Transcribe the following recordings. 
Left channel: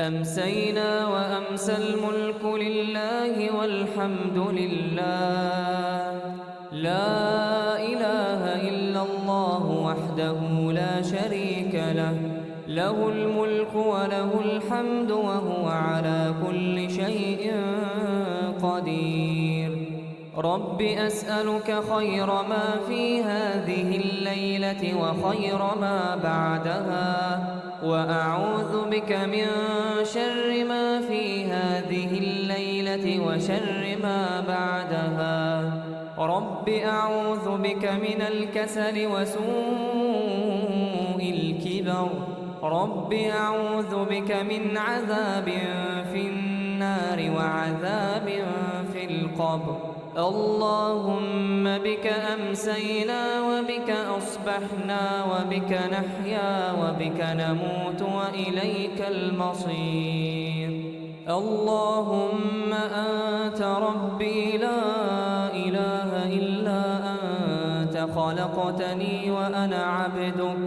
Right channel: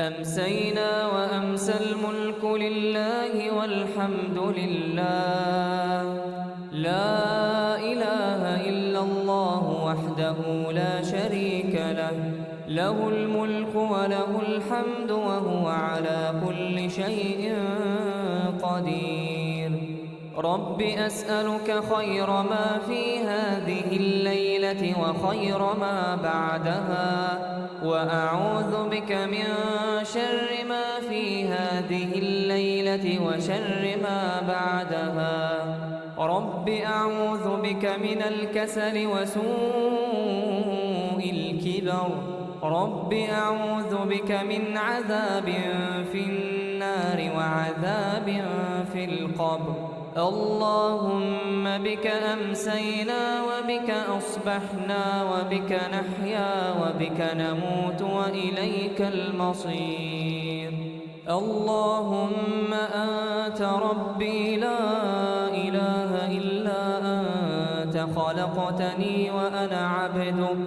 أمسينا وأمسى الملك لله والحمد لله، لا إله إلا الله وحده لا شريك له، له الملك وله الحمد وهو على كل شيء قدير. رب أسألك خير ما في هذه الليلة وخير ما بعدها، وأعوذ بك من شر ما في هذه الليلة وشر ما بعدها. رب أعوذ بك من الكسل وسوء الكبر. رب أعوذ بك من عذاب في النار وعذاب في القبر. اللهم بك أمسينا وبك أصبحنا وبك نحيا وبك نموت وإليك المصير. اللهم أنت ربي لا إله إلا أنت، خلقتني وأنا عبدك،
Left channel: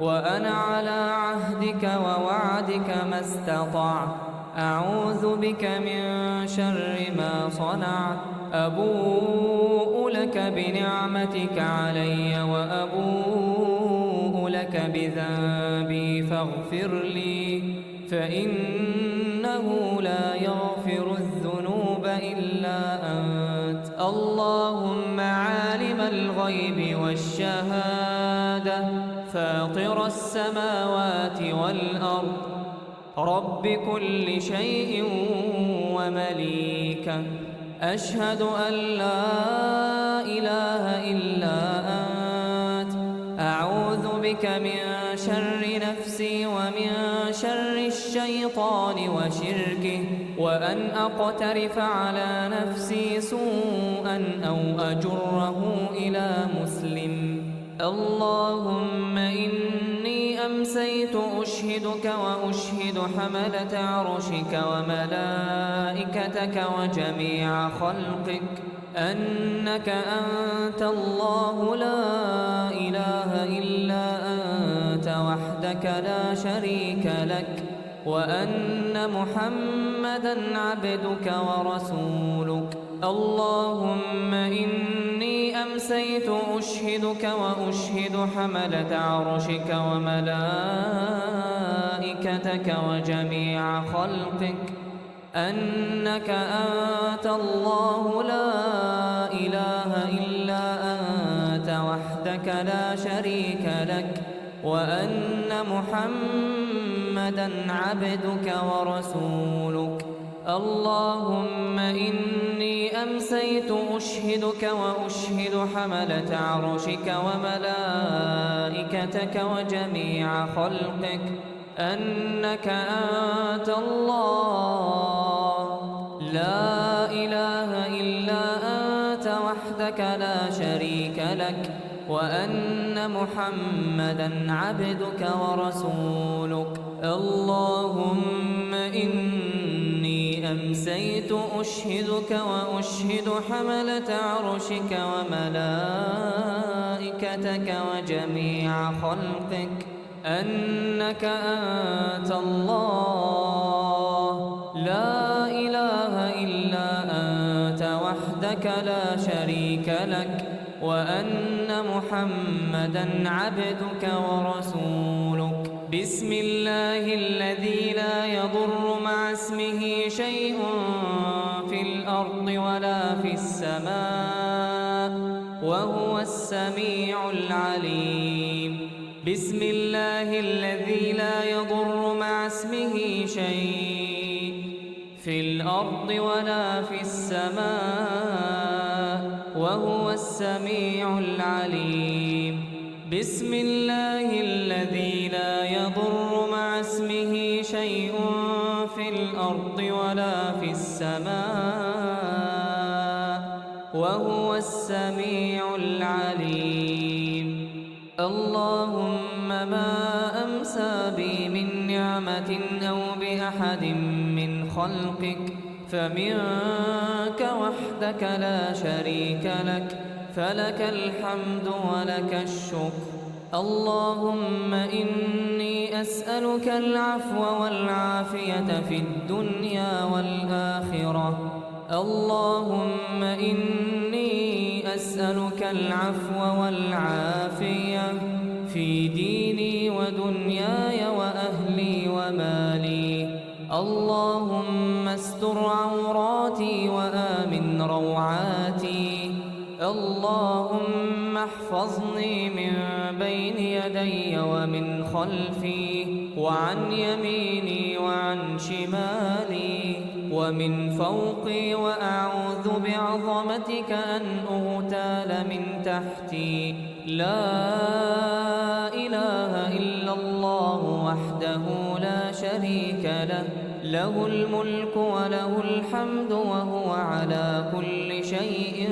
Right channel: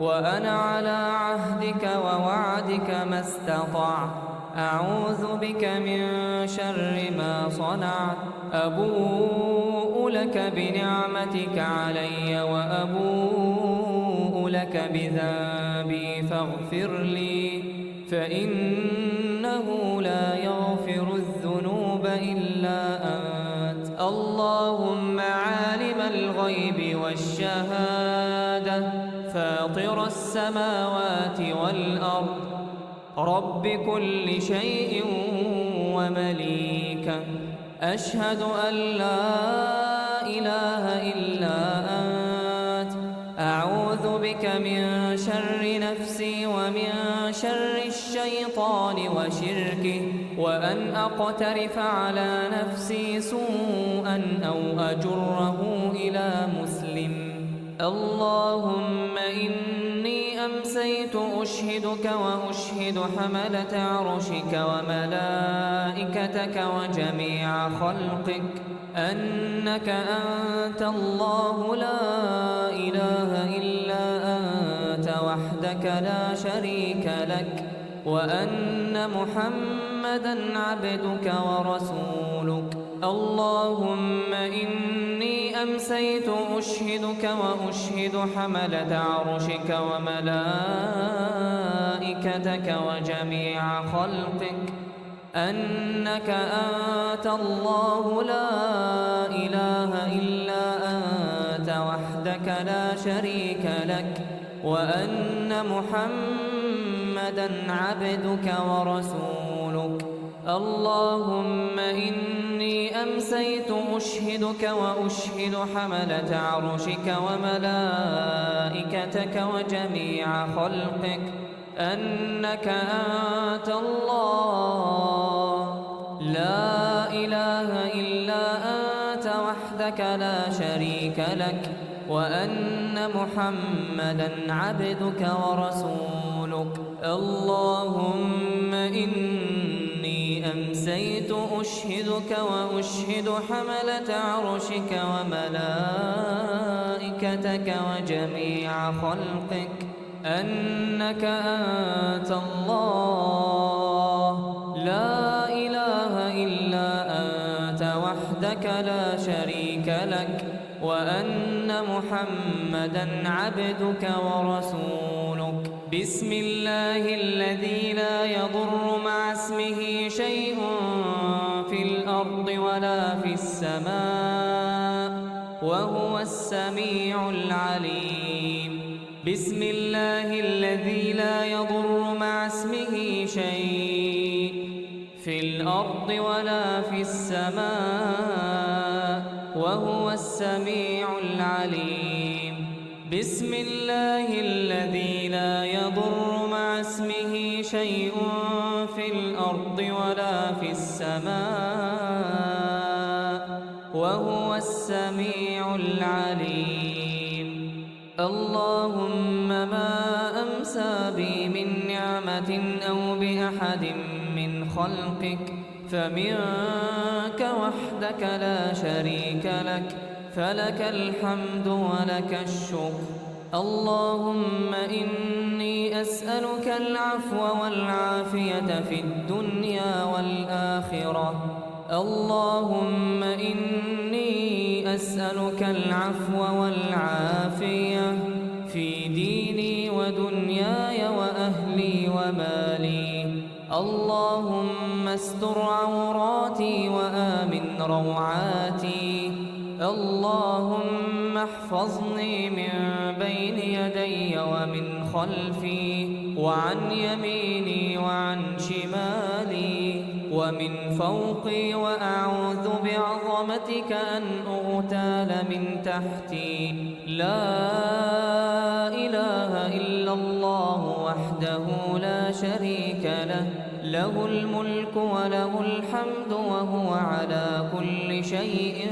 وأنا على عهدك ووعدك ما استطعت. أعوذ بك من شر ما صنعت. أبوء لك بنعمتك علي وأبوء لك بذنبي فاغفر لي، فإنه لا يغفر الذنوب إلا أنت. اللهم عالم الغيب والشهادة، فاطر السماوات والأرض، رب كل شيء ومليكه، أشهد أن لا إله إلا أنت. أعوذ بك من شر نفسي ومن شر الشيطان وشركه، وأن أقترف على نفسي سوءا أو أجره إلى مسلم. اللهم إني أمسيت أشهدك وأشهد حملة عرشك وملائكتك وجميع خلقك أنك أنت الله لا إله إلا أنت وحدك لا شريك لك، وأن محمدًا عبدك ورسولك. اللهم إني أمسيت أشهدك وأشهد حملة عرشك وملائكتك وجميع خلقك أنك أنت الله لا إله إلا أنت وحدك لا شريك لك، وأن محمدًا عبدك ورسولك. اللهم إني أمسيت أشهدك وأشهد حملة عرشك وملائكتك وجميع خلقك أنك أنت الله لا إله إلا أنت وحدك لا شريك لك، وأن محمدًا عبدك ورسولك. اللهم إني أمسيت أشهدك وأشهد حملة عرشك وملائكتك وجميع خلقك أنك أنت الله لا إله إلا أنت وحدك لا شريك لك، وأن محمدًا عبدك ورسولك. بسم الله الذي لا يضر مع اسمه شيء في الأرض ولا في السماء، وهو السميع العليم. بسم الله الذي لا يضر مع اسمه شيء في الأرض ولا في السماء، وهو السميع العليم. بسم الله الذي لا يضر مع اسمه شيء في الأرض ولا في السماء، وهو السميع العليم. اللهم ما أمسى بي من نعمة أو بأحد من خلقك فمنك وحدك لا شريك لك، فلك الحمد ولك الشكر. اللهم إني أسألك العفو والعافية في الدنيا والآخرة. اللهم إني أسألك العفو والعافية في ديني ودنياي وأهلي ومالي. اللهم استر عوراتي وآمن روعاتي. اللهم احفظني من بين يدي ومن خلفي وعن يميني وعن شمالي ومن فوقي، وأعوذ بعظمتك أن أغتال من تحتي. لا إله إلا الله وحده لا شريك له، له الملك وله الحمد وهو على كل شيء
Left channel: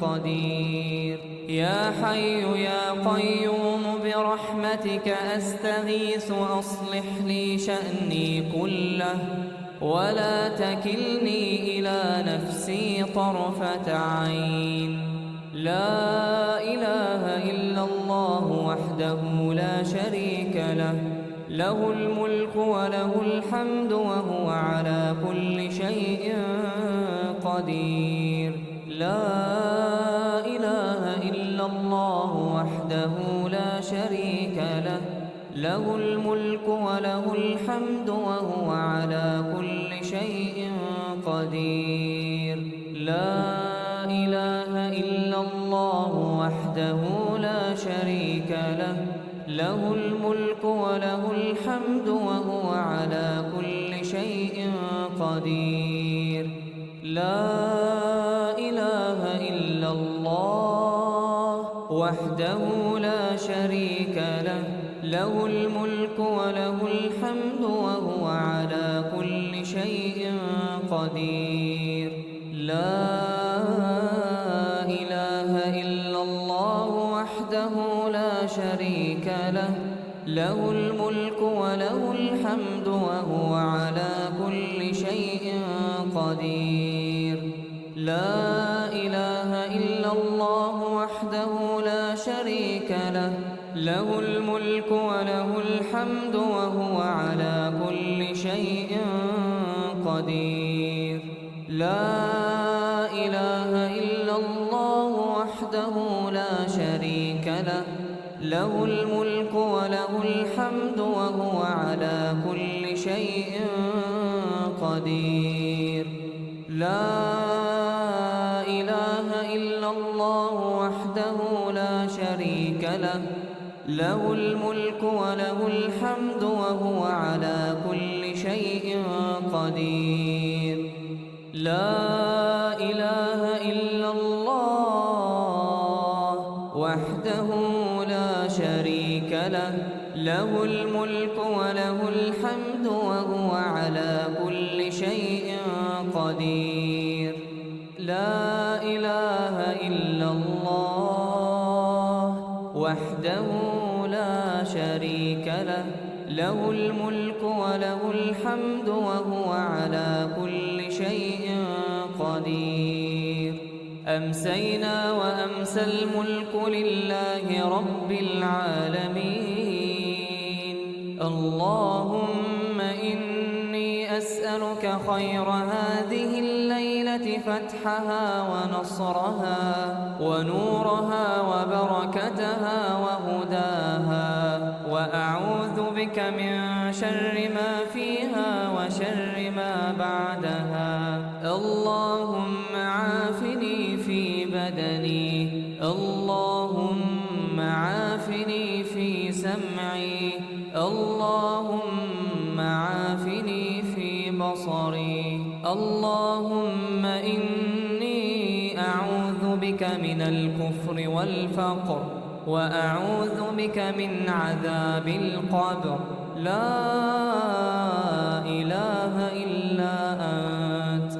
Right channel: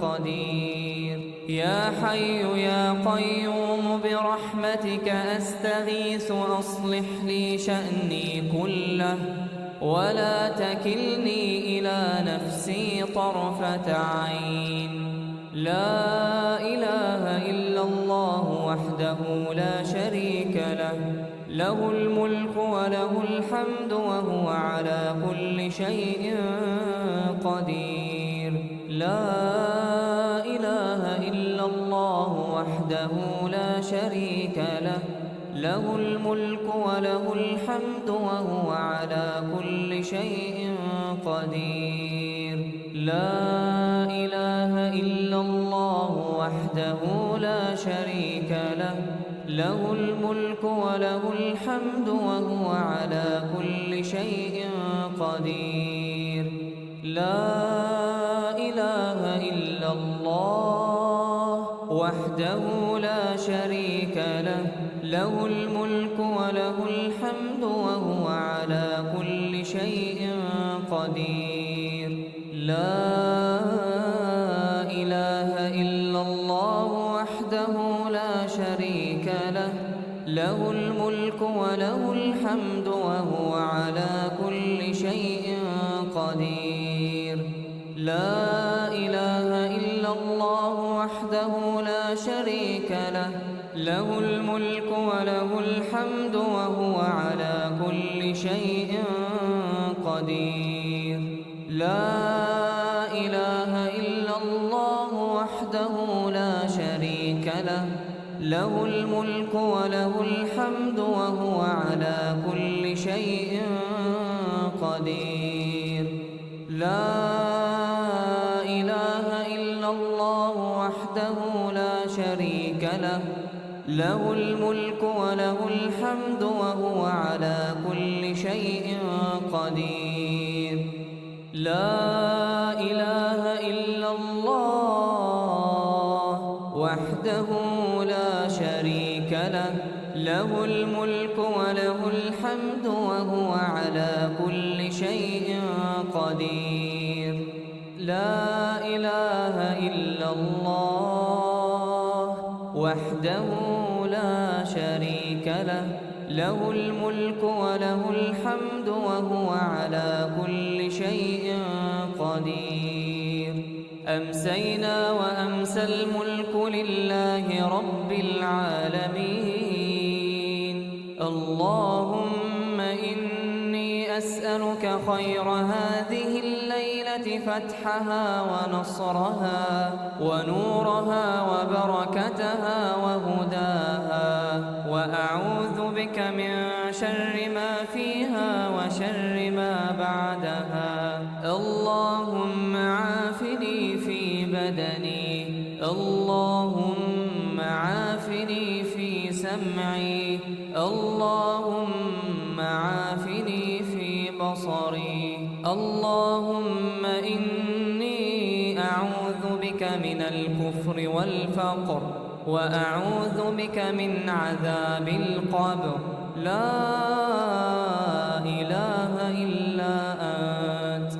قدير. يا حي يا قيوم برحمتك أستغيث أصلح لي شأني كله ولا تكلني إلى نفسي طرفة عين. لا إله إلا الله وحده لا شريك له، له الملك وله الحمد وهو على كل شيء قدير. لا إله إلا الله وحده لا شريك له، له الملك وله الحمد وهو على كل شيء قدير. لا إله إلا الله وحده لا شريك له، له الملك وله الحمد وهو على كل شيء قدير. لا إله إلا الله وحده لا شريك له، له الملك وله الحمد وهو على كل شيء قدير. لا إله إلا الله وحده لا شريك له، له الملك وله الحمد وهو على كل شيء قدير. لا إله إلا الله وحده لا شريك له، له الملك وله الحمد وهو على كل شيء قدير. لا إله إلا الله وحده لا شريك له، له الملك وله الحمد وهو على كل شيء قدير. لا إله إلا الله وحده لا شريك له، له الملك وله الحمد وهو على كل شيء قدير. لا إله إلا الله وحده لا شريك له، له الملك وله الحمد وهو على كل شيء قدير. لا إله إلا الله وحده لا شريك له، له الملك وله الحمد وهو على كل شيء قدير. أمسينا وأمسى الملك لله رب العالمين. اللهم إني أسألك خير هذه الليلة فتحها ونصرها ونورها وبركتها وهداها، وأعوذ بك من شر ما فيها وشر ما بعدها. اللهم عافني في بدني، اللهم عافني في سمعي، اللهم عافني في بصري. اللهم إني أعوذ بك من الكفر والفقر، وأعوذ بك من عذاب القبر. لا إله إلا أنت.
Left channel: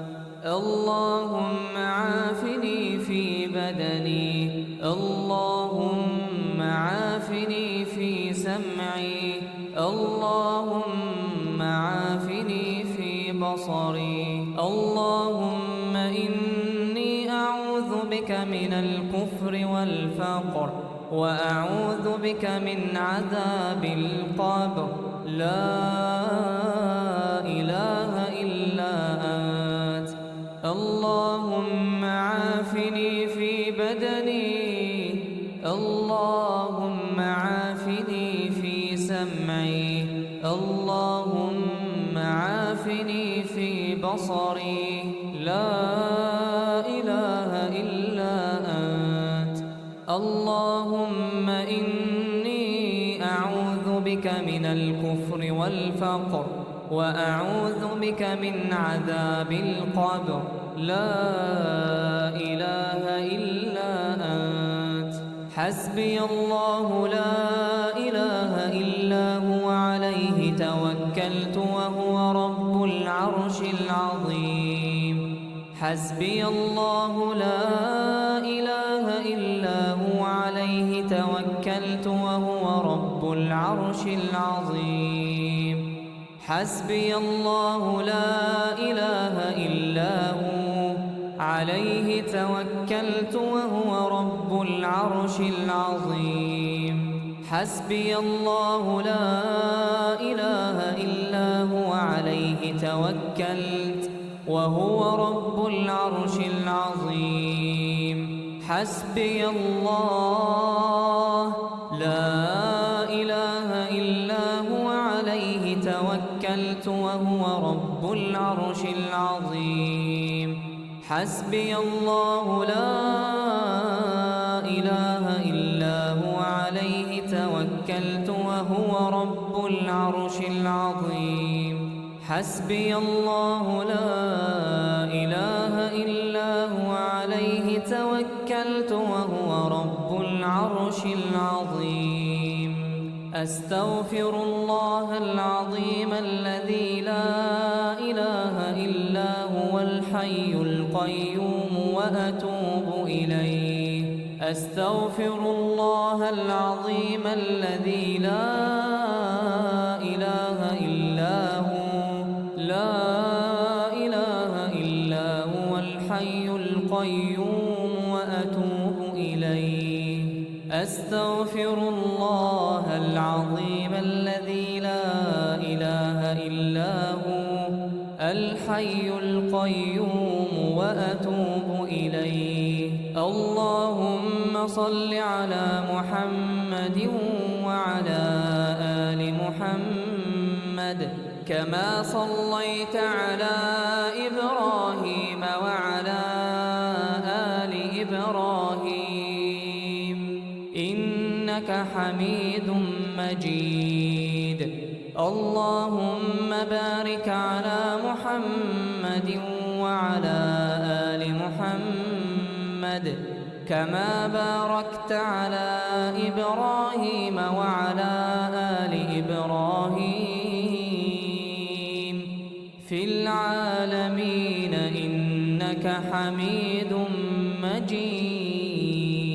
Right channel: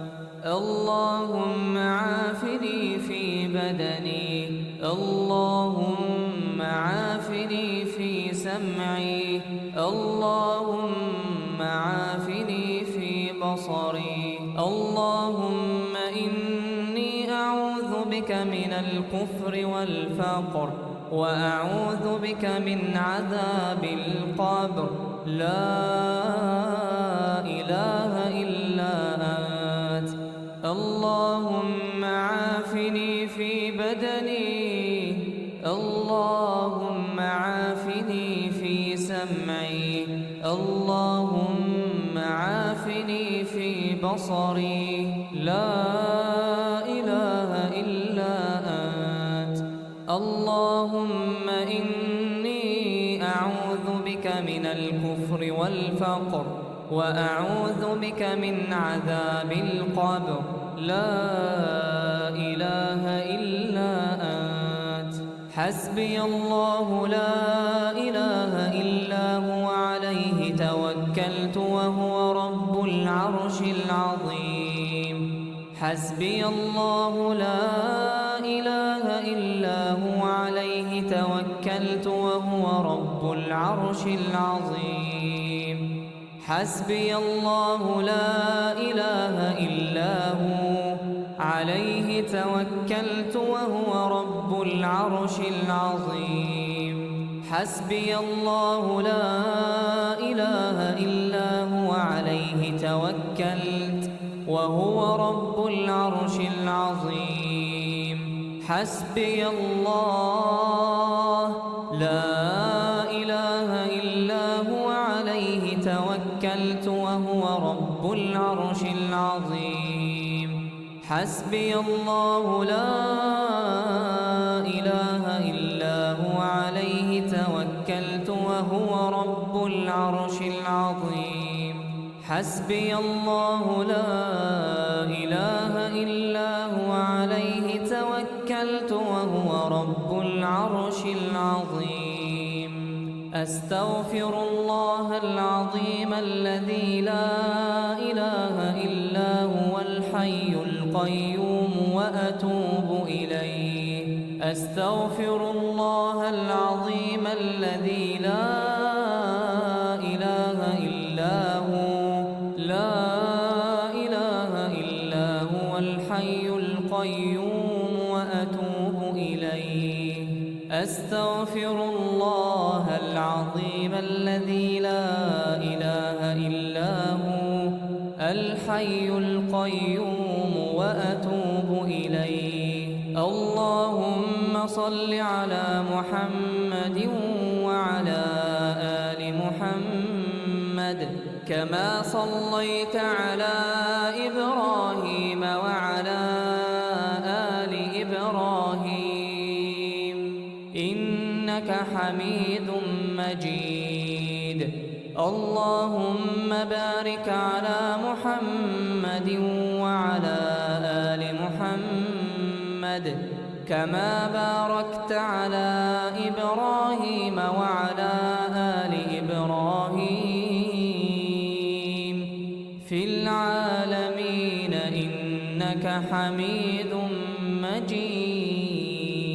اللهم عافني في بدني، اللهم عافني في سمعي، اللهم عافني في بصري. اللهم إني أعوذ بك من الكفر والفقر، وأعوذ بك من عذاب القبر. لا إله إلا أنت. اللهم عافني في بدني، اللهم عافني في سمعي، اللهم عافني في بصري. لا إله إلا أنت. اللهم إني أعوذ بك من الكفر والفقر، وأعوذ بك من عذاب القبر. لا إله إلا أنت. حسبي الله لا إله إلا هو عليه توكلت وهو رب العرش العظيم. حسبي الله لا إله إلا هو عليه توكلت وهو رب العرش العظيم. حسبي الله لا إله إلا هو عليه توكلت وهو رب العرش العظيم. حسبي الله لا إله إلا هو عليه توكلت وهو رب العرش العظيم. حسبي الله لا إله إلا هو عليه توكلت وهو رب العرش العظيم. حسبي الله لا إله إلا هو عليه توكلت وهو رب العرش العظيم. حسبي الله لا إله إلا هو عليه توكلت وهو رب العرش العظيم. أستغفر الله العظيم الذي لا إله إلا هو الحي القيوم وأتوب إليه. أستغفر الله العظيم الذي لا إله إلا هو، لا إله إلا هو الحي القيوم وأتوب إليه. أستغفر الله العظيم الذي لا إله إلا هو الحي القيوم وأتوب إليه. اللهم صل على محمد وعلى آل محمد كما صليت على إبراهيم وعلى آل إبراهيم إنك حميد مجيد. اللهم بارك على محمد وعلى آل محمد كما باركت على إبراهيم وعلى آل إبراهيم في العالمين إنك حميد مجيد.